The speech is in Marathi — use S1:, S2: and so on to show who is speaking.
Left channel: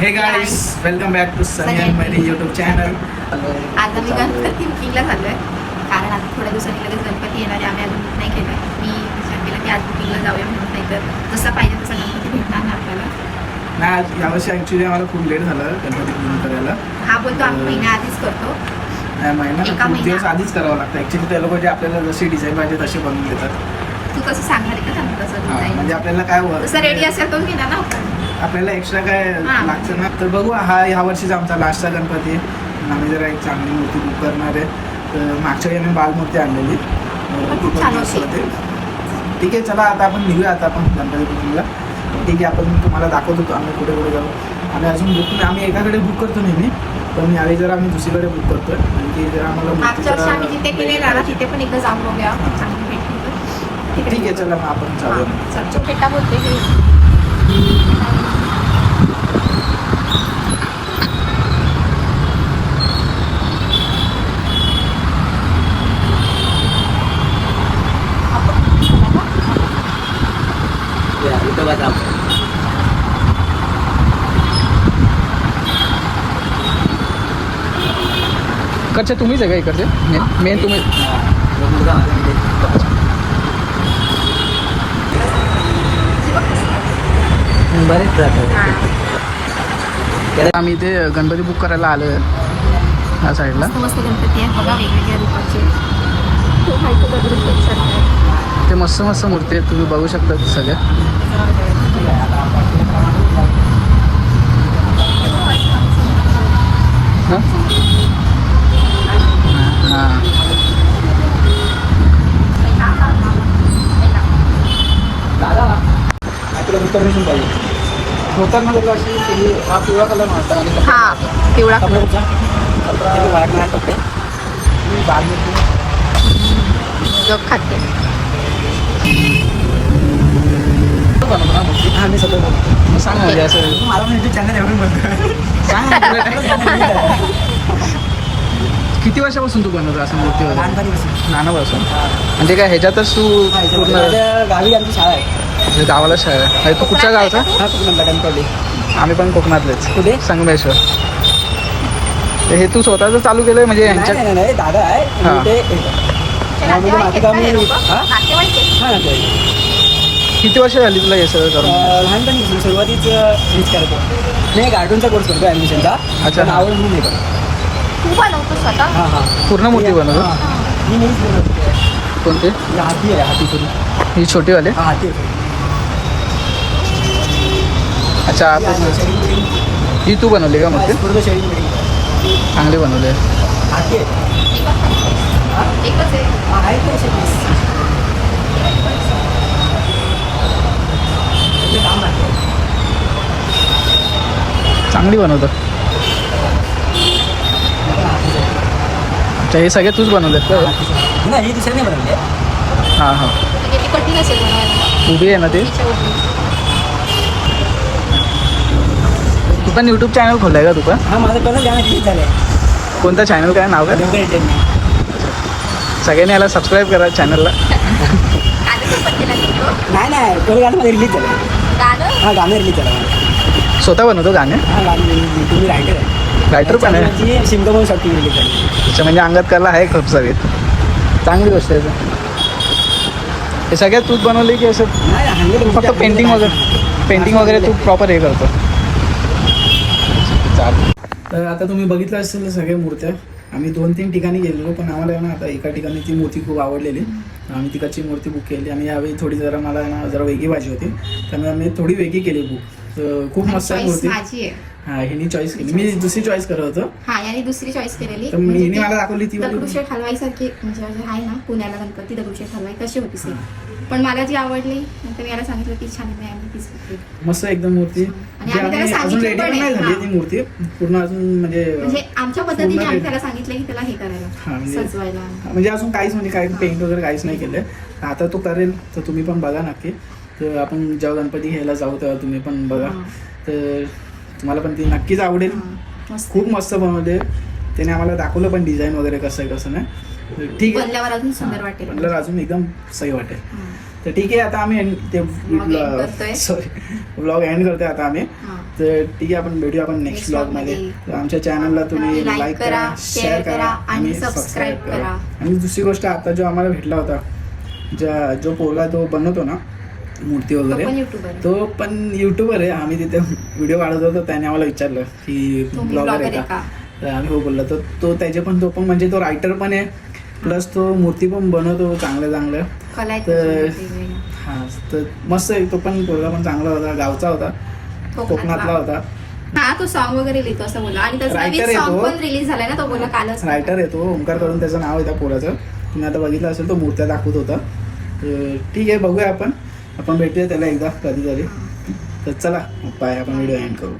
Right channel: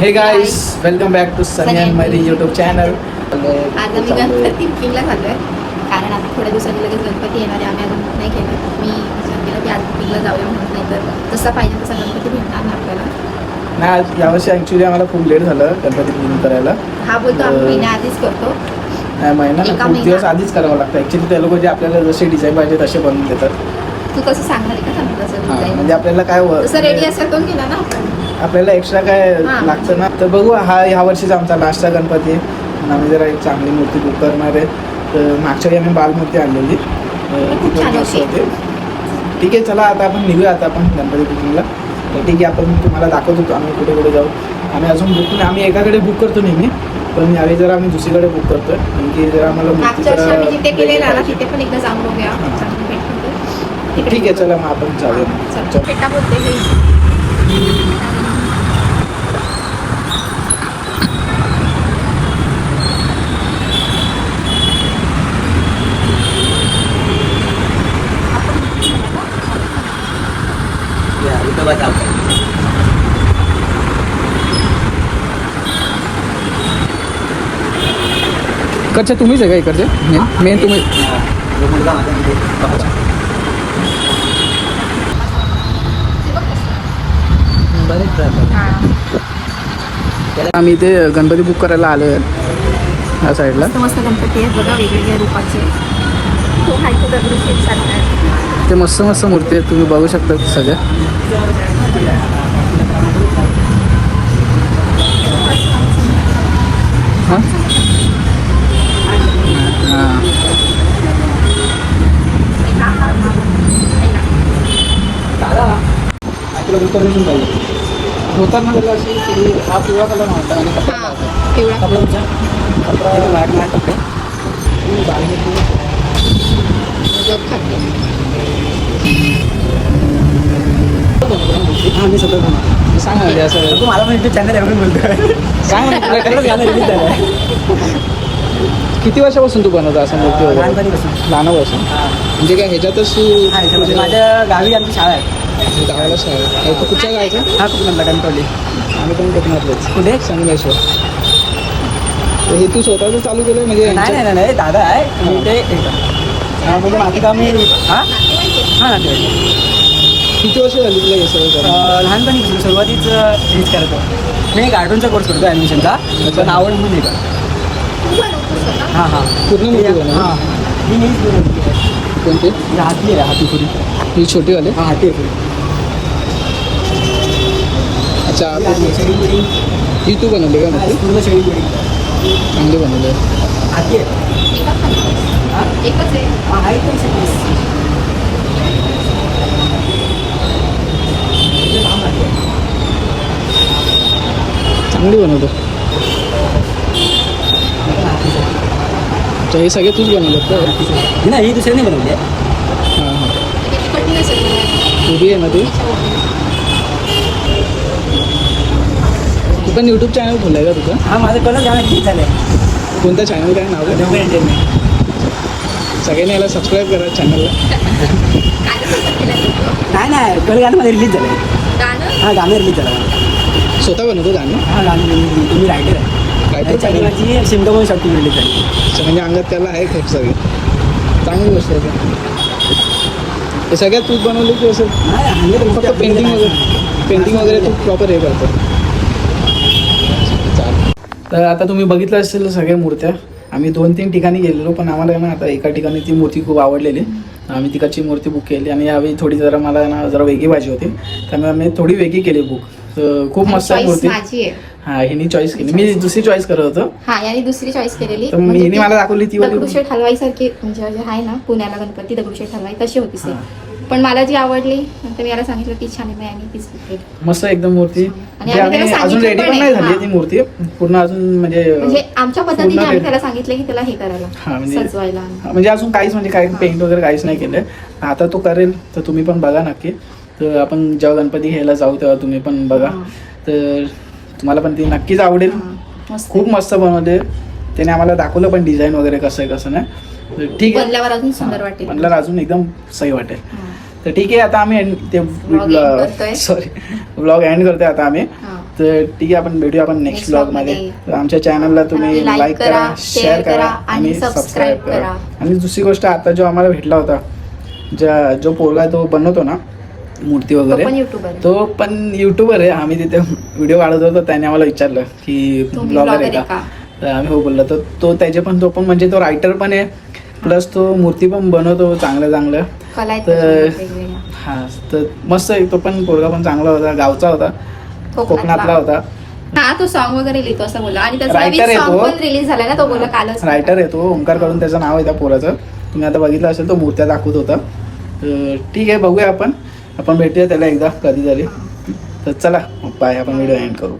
S1: Hey guys welcome back to Sunny and Mari YouTube channel
S2: आज आम्ही गणपती पिंगला झालोय कारण आता थोड्या दिवसांनी लगेच गणपती येणार आहे. आम्ही अजून नाही केलं. मी विचार केला की आज पिंगला जाऊया म्हणून नाही तर जसा पाहिजे तसा गणपती भेटणार ना आपल्याला
S1: नाही यावर्षी ऍक्च्युली आम्हाला खूप लेट झालं गणपती पूजन करायला.
S2: हा बोलतो आम्ही
S1: अं,
S2: महिन्या आधीच करतो.
S1: नाही महिना
S2: एका
S1: खूप
S2: महिना.
S1: दिवस आधीच करावं लागतं. ऍक्च्युली ते लोक जे आपल्याला जसे डिझाईन पाहिजे तसे बनवून देतात.
S2: तू कसं सांगणार आहे का त्यांना तसं
S1: हा, म्हणजे आपल्याला काय व-
S2: रेडी असेल गेला ना आपण.
S1: आपल्याला एक्स्ट्रा काय
S2: हा.
S1: लागतं ना? तर बघू हा ह्या वर्षीचा आमचा लास्टचा गणपती आहे. आणि आम्ही जरा एक चांगली मूर्ती बुक करणार आहे. तर मागच्या वेळी आम्ही बालमूर्ती आणलेली. तर
S2: पण
S1: ती
S2: खूप
S1: पण
S2: छान
S1: मस्त
S2: होती.
S1: होती. ठीक आहे चला आता आपण निघूया आता आपण गणपती बुकिंगला तर ठीक आहे आपण तुम्हाला दाखवत होतो आम्ही कुठे कुठे जाऊ. आम्ही अजून बुक नाही आम्ही एकाकडे बुक करतो नेहमी पण यावेळी जरा आम्ही दुसरीकडे बुक करतोय. की जरा आम्हाला.
S2: तिथे पण एकदा जाऊन बघूया.
S1: ठीक आहे. चला मग आपण
S2: हा,
S1: चालेल
S2: चल.
S1: चल.
S2: फेटा बोलते हे.
S3: इकडचे तुम्हीच आहे का इकडचे मेन मेन तुम्ही
S2: हा.
S3: आम्ही इथे गणपती बुक करायला आलो आहे ह्या साईडला
S2: मस्त गणपती आहेत बघा वेगवेगळ्या रूपाचे. ते
S3: मस्त मस्त मूर्ती आहेत तुम्ही बघू शकता सगळ्या हा
S2: पिवळा कलरचा जग खाते
S3: सांग म्हणजे असं
S1: मला म्हणजे चॅनल एवढं बोलतोय.
S3: सांग किती वर्षापासून तू बनवतो असं मूर्ती वगैरे?
S1: लहानपणीपासून.
S3: लहानापासून. म्हणजे काय ह्याच्यातच तू पूर्ण
S1: गावी आमची शाळा आहे.
S3: म्हणजे गावाला शाळा आहे तू कुठच्या गावचा?
S1: हा
S3: आम्ही पण कोकणातलेच? संगमेश्वर. तर हे तू स्वतःच चालू केलंय म्हणजे यांच्या
S1: नाही नाही दादा.
S3: किती वर्ष झाली तुला हे सगळं करून?
S1: लहानपणी म्हणजे सुरुवातीच हेच करत होतो. मी गार्डनचा कोर्स करतो ॲडमिशनचा
S3: अच्छा.
S1: पण आवड म्हणून येतो
S2: तू बनवतो स्वतः?
S1: हां हां.
S3: पूर्ण मूर्ती बनवतो कोणते?
S1: पूर्ण.
S3: ही छोटीवाले?
S1: हा, हाती.
S3: अच्छा
S1: ही
S3: तू बनवली का
S1: बिळी.
S3: चांगली बनवली. चांगली बनवतो अच्छा हे सगळे तूच बनवलेत का
S1: नाही ही दुसऱ्याने बनवली.
S3: हां हां
S2: ती.
S3: उभी आहे ना ती तू पण यूट्यूब चॅनल खोललाय का तू पण
S1: हा माझं कलर गाणं ठीक झालं
S3: कोणतं चॅनल काय नाव काय? सगळ्यांनी याला सबस्क्राईब करा चॅनलला.
S1: नाही नाही कलर गाणं रिलीज झालं
S2: गाणं?
S1: हा गाणं रिलीज झालं
S3: स्वतः बनवतो गाणे?
S1: हा गाणं तुम्ही रायटर आहे.
S3: रायटर पण आहे?
S1: साठी रिलीज झाली.
S3: अच्छा म्हणजे अंगात कला आहे खूप सारी चांगली गोष्ट आहे ते. हे सगळ्यात तूच बनवली की असं
S1: नाही
S3: फक्त पेंटिंग वगैरे पेंटिंग वगैरे तू प्रॉपर हे करतो. चालेल.
S1: तर आता तुम्ही बघितलं असेल सगळ्या मूर्त्या. आम्ही दोन तीन ठिकाणी गेलेलो पण आम्हाला ना आता एका ठिकाणी ती मूर्ती खूप आवडलेली. आम्ही तिकडची मूर्ती बुक केली आणि यावेळी थोडी जरा मला ना जरा वेगळी पाहिजे होती. त्यामुळे आम्ही थोडी वेगळी केली बुक तर खूप मस्त मूर्ती. हा हिनी चॉईस केली. मी दुसरी चॉईस करत होतो.
S2: हा याने दुसरी चॉईस केलेली.
S1: तर
S2: म्हणजे
S1: हिने मला दाखवली ती.
S2: दगडूशेठ हलवाई सारखी म्हणजे आहे ना पुण्याला गणपती दगडूशेठ हलवाई तशी होती. पण मला जी आवडली नंतर मी याला सांगितलं ती छान आहे आणि तीच
S1: मस्त एकदम मूर्ती.
S2: आणि आम्ही त्याला
S1: अजून रेडी
S2: पण
S1: नाही. झाली. ती मूर्ती पूर्ण अजून म्हणजे
S2: म्हणजे आमच्या पद्धतीने आम्ही. त्याला सांगितलं की त्याला हे करायला
S1: म्हणजे-
S2: सजवायला.
S1: म्हणजे अजून काहीच म्हणजे काही पेंट वगैरे काहीच नाही केलंय. आता तो करेल तर तुम्ही पण बघा नक्की. तर आपण जेव्हा गणपती घ्यायला जाऊ तेव्हा तुम्ही पण बघा.
S2: हा.
S1: तर तुम्हाला पण ती नक्कीच आवडेल.
S2: हा, मस्त.
S1: खूप मस्त बनवले त्याने आम्हाला दाखवलं पण डिझाईन वगैरे कसं आहे कसं नाही. ठीक आहे.
S2: बनल्यावर अजून सुंदर वाटेल.
S1: बनल्यावर अजून एकदम सही वाटेल. तर ठीक आहे आता आम्ही ते. सॉरी ब्लॉग एंड करतोय. आता आम्ही. तर ठीक आहे आपण भेटूया आपण नेक्स्ट
S2: ब्लॉगमध्ये.
S1: तर आमच्या चॅनलला तुम्ही लाईक
S2: करा,
S1: शेअर करा आणि सबस्क्राईब करा. आणि दुसरी गोष्ट आता जो आम्हाला भेटला होता ज्या जो पोरगा तो बनवतो ना मूर्ती वगैरे तो पण युट्यूबर आहे. आम्ही तिथे व्हिडिओ काढत होतो त्याने आम्हाला विचारलं की ब्लॉगर आहे का? आम्ही हो बोललो तर तो त्याचे पण तो पण म्हणजे तो रायटर पण आहे. प्लस तो मूर्ती पण बनवतो चांगलं चांगलं
S2: कला आहेत
S1: तर-. हा तर मस्त आहे. तो पण पोरगा पण चांगला होता गावचा होता. कोकणातला होता.
S2: हा तो सॉन्ग वगैरे लिहितो असं बोलला. आणि त्याचा सॉन्ग. पण रिलीज झालाय ना तो बोलला कालच.
S1: रायटर आहे तो. ओंकार करून त्याचं नाव आहे त्या पोराचं. तुम्ही आता बघितलं असेल तो मूर्त्या दाखवत होता. तर ठीक आहे बघूया आपण. आपण भेटूया त्याला एकदा कधीतरी. तर चला बाय आपण व्हिडिओ एंड करू.